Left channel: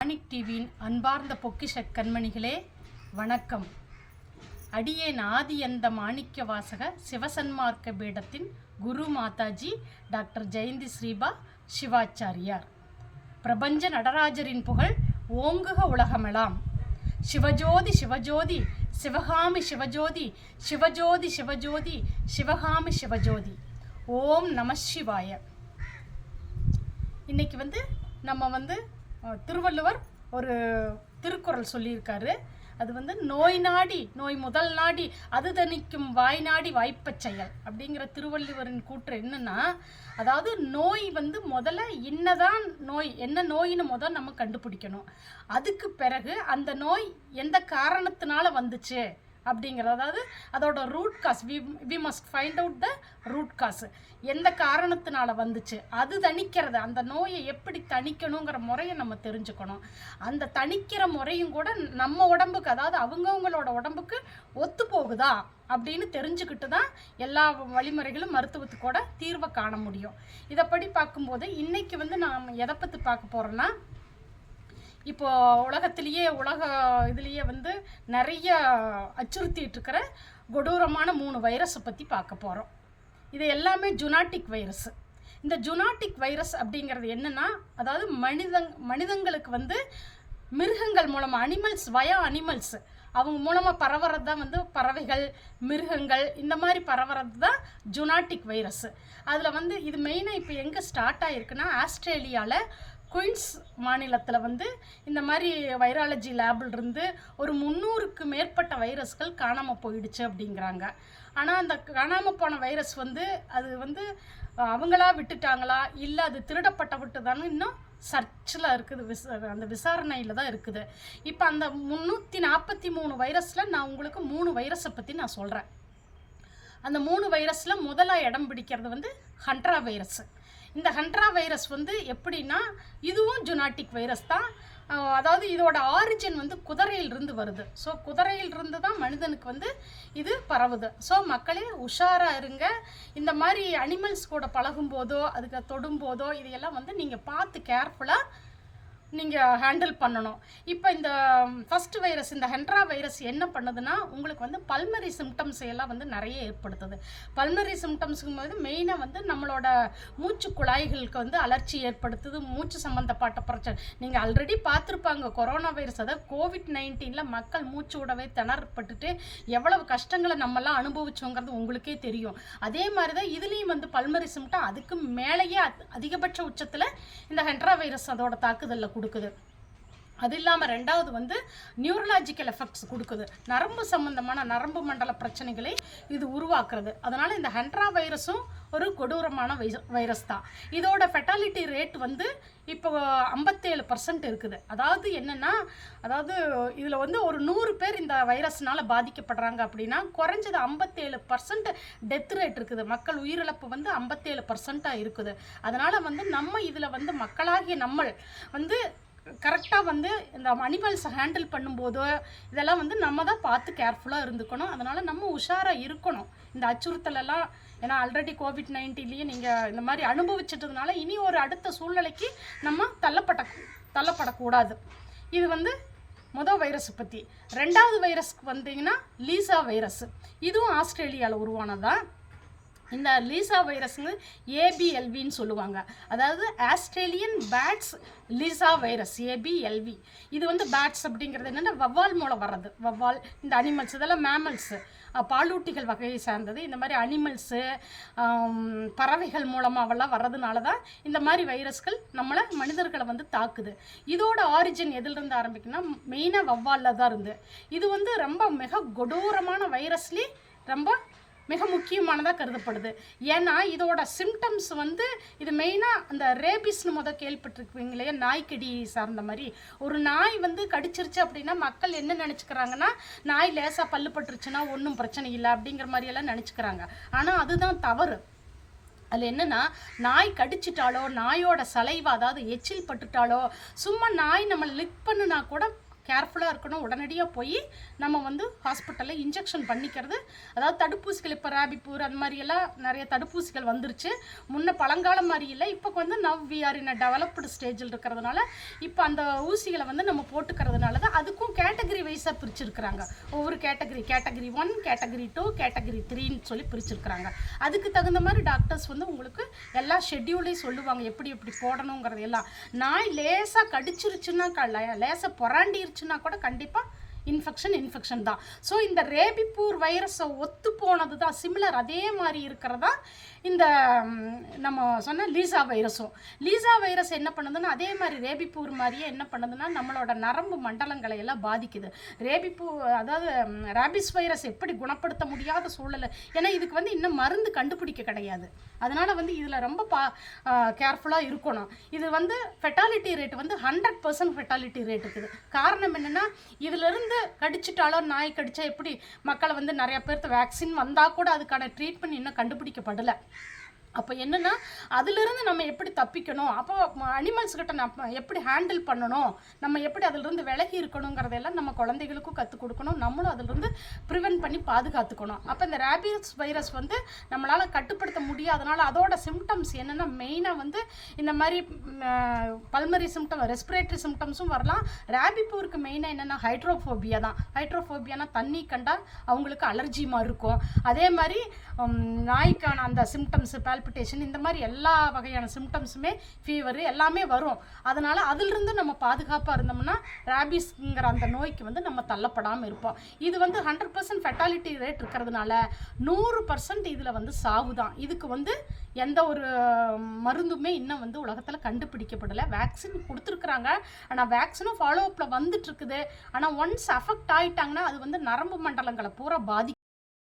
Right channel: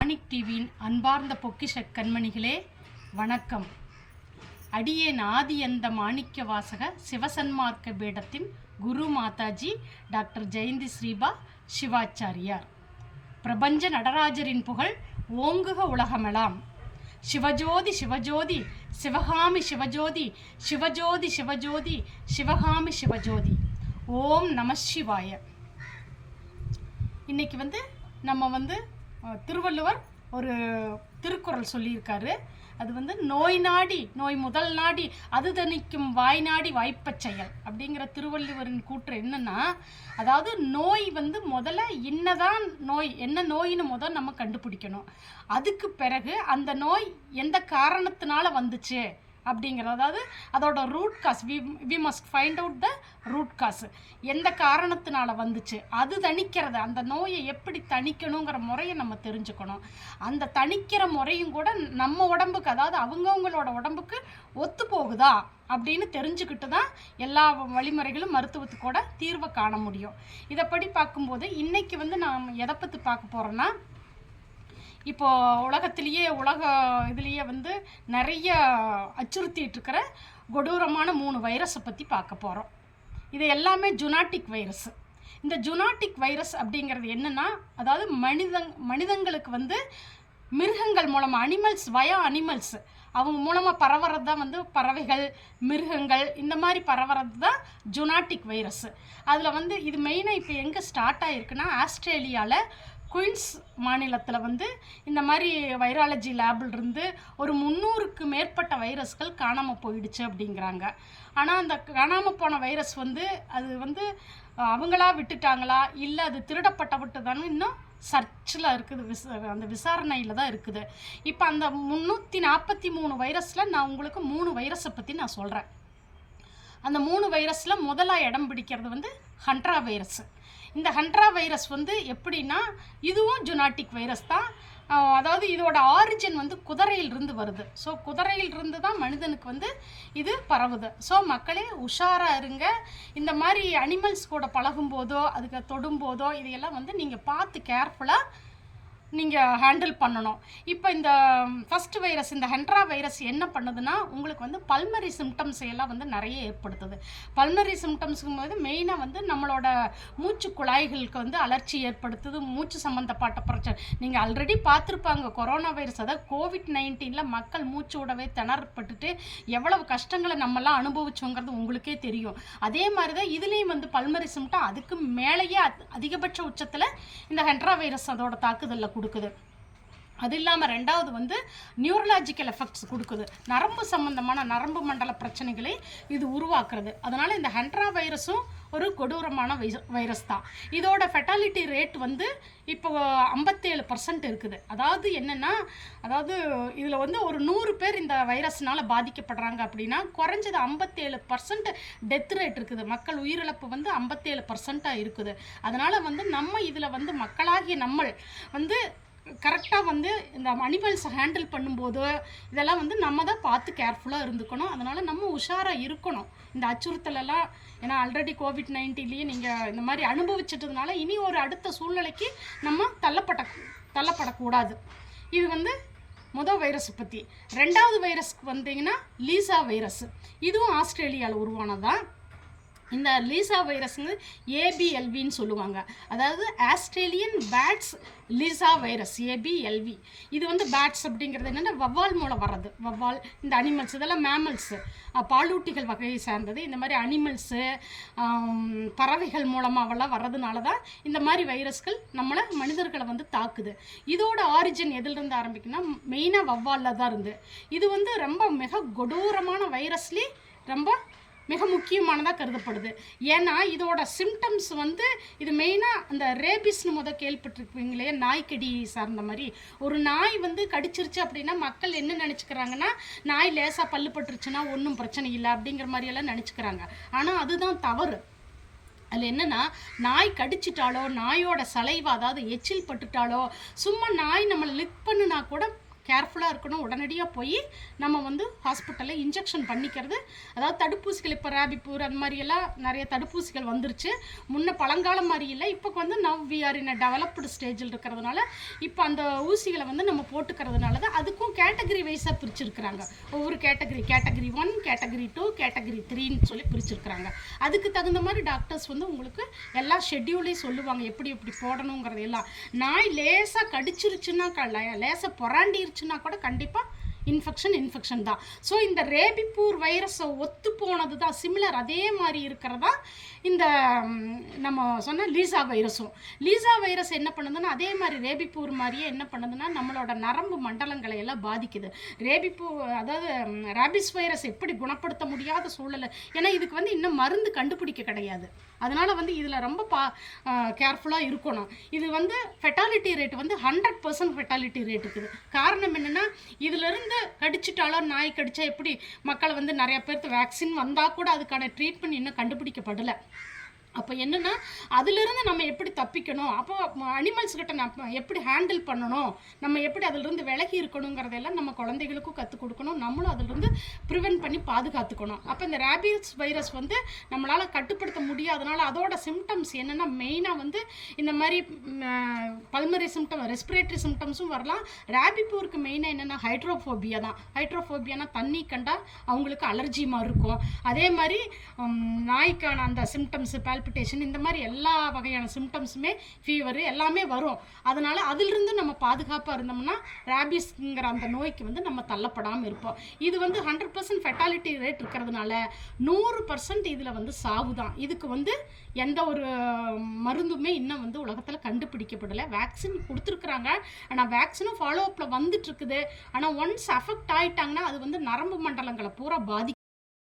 மாணிக் டிவியின் அன்பார்ந்த பொக்கிஷ கண்மணிகளே வணக்கம். அடியேன் ஆதியந்த மாணிக்க வாசக சிவசன்மார்க்க பீடத்தின் குரு மாதாஜி டாக்டர் ஜெயந்தி ஸ்ரீபா சிவாச்சாரியார். பிரபஞ்ச நடராஜரின் புகழ் ஓங்குக உலகமெல்லாம். சிவஜோதி சிவஜோதி சிவகாமி சிவஜோதி சிவஜோதி சிவஜோதி சிவகாமி சிவஜோதி. ஓம் நம சிவாய. இன்னைக்கு நம்ம திருவள்ளுவர் ஒரு திருக்குறள் சொல்லியிருக்காரு. அது நோய் நாடி நோய் முதல் நாடி அது தணிக்கும் வாய் நாடி வாய்ப்பச் செயல் அப்படிங்கிற திருவள்ளுவரின் கூற்று என்னன்னா, அதாவது நோய் முதல்ல என்னதான் நோய், என்ன நோயின்னு நம்ம கண்டுபிடிக்கணும். அதுக்கு பிறகு அந்த நோய் எந்த காரணத்தினால வந்துச்சு அப்படிங்கிறது, அதாவது அதோட root cause, we must find out the root cause. எந்த காரணத்தினால வந்துச்சு அது தணிக்கிறது, அந்த நோயை எப்படி தணிக்கணுங்கிற முறையை நம்ம தெரிஞ்சுக்கணும். அந்த தணிக்கிற முறையும் கூட நம்ம உடம்புக்கு, அதாவது அவங்கவுங்களோட உடம்புக்கு ஒத்து போகுதா அப்படின்னு தெரிஞ்சுக்கிட்டு தான் எல்லா வழிமுறைகளும் மருத்துவத்துக்கூட தீர்வை காண முடியும். இதைப்படி பார்க்கும்போது இன்னைக்கு நாம் எதை பற்றி பார்க்க போகிறோன்னா, இப்போது உலகத்திலேயே இதுலேயே நிறைய அச்சுறுத்திட்டு இருக்கிற கொடூரமான 3 வைரஸை பற்றி பார்க்க போகிறோம். இது எல்லாமே ஜூனாட்டிக் வைரஸ். இந்த ஜூனாட்டிக் வைரஸ் அப்படிங்கிறது என்னென்னா, அதாவது மனிதங்களுக்கு மிருகங்கள் மூலமாக, அனிமல்ஸ் அவங்க மூலமாக பரவுறது தான் பறவைகள், மிருகங்கள், இந்த மாதிரி பரவுறது தான் ஜூனாட்டிக் வைரஸ். அதில் இது மெயினாக இப்போ எங்கே ஸ்டார்ட் ஆகிருக்குன்னா, ஆஸ்திரேலியாவில் குயின்ஸ் மாநிலத்தில் இந்த மாதிரி வைராலஜி லேபிலிருந்து ஒரு 300க்கு மேற்பட்ட வைரஸ்கள் காணாமல் போயிடுச்சு அப்படிங்கிறாங்க. ஆனால் அந்த காணாமல் போன வைரஸ் அது அவங்களா விட்டுட்டாங்களா இல்லை அது திருடப்பட்டு தானே இன்னும் சர்ச்சில் இருக்குது, அந்த விசாரணையில் தான் இருக்குது. இப்போ அந்த 343 வைரஸில் நான் உங்களுக்கு 3 வைரஸை பற்றி நான் சொல்கிறேன். அந்த 3 வைரஸில் முதலாக இடம் பிடிக்கிறது ஹண்ட்ரா வைரஸ். இந்த ஹண்ட்ரா வைரஸ் எப்படின்னா, இதுவும் ஜூனாட்டிக் வைரஸ் தான். அதாவது இதோட ஆரிஜின் குதிரையிலிருந்து வருது. ஸோ குதிரையிலிருந்து தான் மனிதனுக்கு இது பரவுது. ஸோ மக்களே உஷாராக இருங்க. இந்த மாதிரி அனிமல்ஸ் கூட பழகும்போதோ அதுக்கு தொடும்போதோ இதையெல்லாம் நீங்கள் பார்த்து கேர்ஃபுல்லாக நீங்கள் ஹேண்டில் பண்ணணும். இப்போ இந்த ஃபஸ்ட்டு வைரஸ், இந்த ஹென்ட்ரா வைரஸ் என்ன பண்ணுதுன்னா, உங்களுக்கு பல்மரி சிம்டம்ஸ் எல்லாம் நிறைய ஏற்படுத்துது. பல்மரி சிம்டம்ஸுக்கும் போது மெயினாக நம்மளோட மூச்சு குழாய்களுக்கு அலர்ச்சி ஏற்படுத்துது, மூச்சு சம்மந்தப்பட்ட பிரச்சனை. நீங்கள் ஆல்ரெடி பார்த்துருப்பாங்க கொரோனா வைரஸ், அதாவது COVID-19 மக்கள் மூச்சு விடவே திணறப்பட்டுட்டு எவ்வளவு கஷ்டங்களை நம்மலாம் அனுபவிச்சோங்கிறது உங்களுக்கே தெரியும். அதே மாதிரி தான் இதுலேயும் பல்மரி சிம்டம் அதுக்கு மேலேயே அதிகபட்ச உச்சத்தில் இந்த ஹென்ட்ரா வைரஸ் அதோட தாக்குதலில் கொடுக்குது. அது இல்லாமல் ரெண்டாவது நியூரலாஜிக்கல் எஃபெக்ட்ஸ் கொடுக்குது. நரம்பு சம்பந்தமான நரம்பு மண்டல பிரச்சனைகளை இது உருவாக்குறது. அதனால் இந்த ஹென்ட்ரா வைரஸும் ஒரு கொடூரமான வைரஸ் தான். இதோட ஃபெட்டாலிட்டி ரேட் இப்போ 57% இருக்குது. அதாவது என்னென்னா, அதாவது இதில் ஒரு 100 பேர் இந்த வைரஸ்னால் பாதிக்கப்படுறாங்க அப்படின்னா குறைஞ்சது 57% டெத் ரேட் இருக்குது. மக்கள் உயிரிழப்பு 57% இருக்குது. அதனால் நம்ம இதில் மக்களாகிய நம்ம கரெக்டாக இந்த அனிமல்ஸை ஹேண்டில் பண்ணும்போது இதெல்லாம் நம்ம தான் பார்த்து கேர்ஃபுல்லாக இருந்துக்கணும். அதனால் நம்ம உஷாராக இருக்கணும் இந்த அச்சுறுத்தலெல்லாம். ஏன்னா ஆல்ரெடி COVID-19லேயே நீங்கள் இந்த மாதிரி அனுபவிச்சிட்டதுனால இனி ஒரு அடுத்த சூழ்நிலைக்கு நம்ம தள்ளப்படக்கூடாது. இது முதல் வைரஸை பற்றி. ரெண்டாவது வைரஸ்க்கு வந்தீங்கன்னா லீசா வைரஸ். இதுவும் ஆஸ்திரேலியாவில் உருவானதான். இந்த லீசா வைரஸுங்க ABLVன்னு சொல்லுவாங்க. அதாவது Australian bats lyssa virus, ABLV. இது பேட்ஸ் அப்படிங்கிறது என்னென்னா வவ்வால் மூலம் வர்றது. வவ்வால், இந்த அனிமல்ஸ் இதெல்லாம் மேமல்ஸு, பாலூட்டிகள் வகையை சார்ந்தது. இந்த மாதிரி அனிமல்ஸு, பறவைகள் மூலமாகலாம் வர்றதுனால தான் இந்த மாதிரி வைரஸ்கள் மனிதர்களை தாக்குது. இதோட ஆரிஜின் எதிலிருந்து ஆரம்பிக்குன்னா மெயினாக வவ்வாலில் தான் இருந்து. இது ரொம்ப மிக கொடூரமான வைரஸ்லேயே ரொம்ப மிக முக்கியமானதாக கருதப்படுது. ஏன்னா இதோட சிம்டம்ஸ் இது மெயினாக அந்த ரேபிஸ்னு கேள்விப்பட்டிருப்பீங்க இல்லையா, நாய்க்கடி சார்ந்த மாதிரி. ஒரு நாய் கடிச்சிருச்சு அப்படின்னா மக்கள் என்ன நினச்சிக்கிறாங்கன்னா, நாய் லேசாக பல்லு பட்டுருச்சுன்னா ஒன்றும் பிரச்சனை இல்லை அப்படிங்கிற மாதிரியெல்லாம் நினச்சிக்கிறாங்க. ஆனால் அதுதான் தவறு. அதில் என்னென்னா, நாய் கடிச்சிட்டாலோ, நாயோட சலைவா அதாவது எச்சில் பட்டுட்டாலோ, சும்மா நாய் நம்மளை லிக் பண்ணுனா கூட கேர்ஃபுல்லாக இருக்கணும். உடனடியாக போய் நம்ம வந்து ஹாஸ்பிட்டலில் இன்ஜெக்ஷன் பண்ணிக்கிறது, அதாவது தடுப்பூசிகள் இப்போ ரேபிப்பூர் அந்த மாதிரியெல்லாம் நிறைய தடுப்பூசிகள் வந்துருச்சு. முன்ன பழங்காலம் மாதிரி இல்லை, இப்போ வந்து now we are in a developed ஸ்டேஜில் இருக்கிறதுனால இப்போ அந்த ஊசிகளை வந்து நம்ம போட்டுக்கிறதுனால தான் அதுக்கும் கேட்டகரி வைஸாக பிரிச்சுருக்குறாங்க. ஒவ்வொரு கேட்டகரி 1, கேட்டகரி 2, கேட்டகரி 3ன்னு சொல்லி பிரிச்சுருக்குறாங்க. அதுக்கு தகுந்த மாதிரி டாக்டர்ஸ் வந்து உங்களுக்கு எல்லா ஷெட்யூலையும் சொல்லுவாங்க எப்படி எப்படி போடணுங்கிறது எல்லாம். நாய் லேசாக கடிச்சிருச்சுன்னா லேசாக பொறாண்டிருச்சுன்னா கூட கண்டிப்பாக இன்ஃபெக்ஷன் தான். ஸோ இந்த ரேபிப்பூர் வைரஸை ஒத்து போனது தான் சிமிலர், அதே மாதிரி இருக்கிறதா இந்த நம்ம சொன்ன லீசா வைரஸ் என்ன பண்ணுதுன்னா அதே மாதிரி ரேபிப்பூர் மாதிரியே என்ன பண்ணுதுன்னா நம்மளோட நரம்பு மண்டலங்களை எல்லாம் பாதிக்குது. அதாவது ரேபிஸ் வைரஸ் எப்படி குணப்படுத்த முடியாத சூழல், ஏன்னா இதுக்கு வந்து இன்னும் மருந்து கண்டுபிடிக்க கிடையாது. அதனால் வந்து இதில் ரொம்ப கேர்ஃபுல்லாக இருக்கணும். இது வந்து ஃபெட்டாலிட்டி ரேட் வந்து 100% ஃபெட்டாலிட்டி ரேட் இருக்குது. காரணம் என்னென்னா இதிலிருந்து கடிச்சிட்டாலோ நாய் கடிச்சா எப்படி மக்களை வந்து நிறையா பேர்த்து வேக்சின் வந்தால் கூட அதுக்கான ட்ரீட்மெண்ட் இன்னும் கண்டுபிடிக்கப்படலை. அப்போ என்னென்னா அதிலிருந்து நம்ம எப்படி தப்பிக்கணும், அப்போ அனிமல்ஸ்கிட்ட நம்ம எப்படி ஹேண்டில் பண்ணணும், நம்ம எப்படி அதிலிருந்து விலகி இருக்கணுங்கிறதெல்லாம் நம்ம குழந்தைகளுக்கும் கற்றுக் கொடுக்கணும், நம்மளும் அதிலிருந்து ப்ரிவென்ட் பண்ணி பாதுகாத்துக்கணும். அப்போ இந்த ரேபிஸ் வைரஸ் வந்து நம்மளால் கட்டுப்படுத்த முடியாதனால அதோட சிம்டம்ஸ் என்னென்னா மெயினாக வந்து இந்த மாதிரி பல்மரி சிம்டம், ரெஸ்பிரேட்டரி சிம்டம்ஸும் வரலாம். ரேபிப்பூருக்கு மெயினாக என்னென்னா ஹைட்ரோஃபோபியா தான். ஹைட்ரோஃபோபியானா தண்ணி கண்டால் அவங்களுக்கு அலர்ஜி மாதிரி இருக்கும். அதே மாதிரி நாய்க்கான அந்த சிம்டம்ஸு பால்பிட்டேஷன், இந்த மாதிரி எல்லா வகையான சிம்டம்ஸுமே, ஃபீவர் எல்லாமே வரும். அதனால் அதிலிருந்து நம்ம பாதுகாப்பாக இருந்தோம்னா ரேபிஸ்ங்கிற அந்த நோய்க்கு வந்து நம்ம தள்ளப்படாமல் இருப்போம். இது வந்து 100% ஃபெட்டாலிட்டி ரேட் இருக்கிறதுனால 100% இதில் வந்து சாவு தான். இதுக்கு வந்து எந்த ஒரு மருந்துமே இன்னும் வந்து உலகத்தில் கண்டுபிடிக்கப்படலை. வேக்சின் கொடுத்துருக்குறாங்க, ஆனால் வேக்சினும் ஃபாலோ அப்பில் வந்துட்டுருக்குது. ஆனால் ஒன்ஸ் அஃபெக்ட் ஆகிட்டாங்கன்னா அது வந்து நரம்பு மண்டலங்களை பூரா பாதிக்கும்.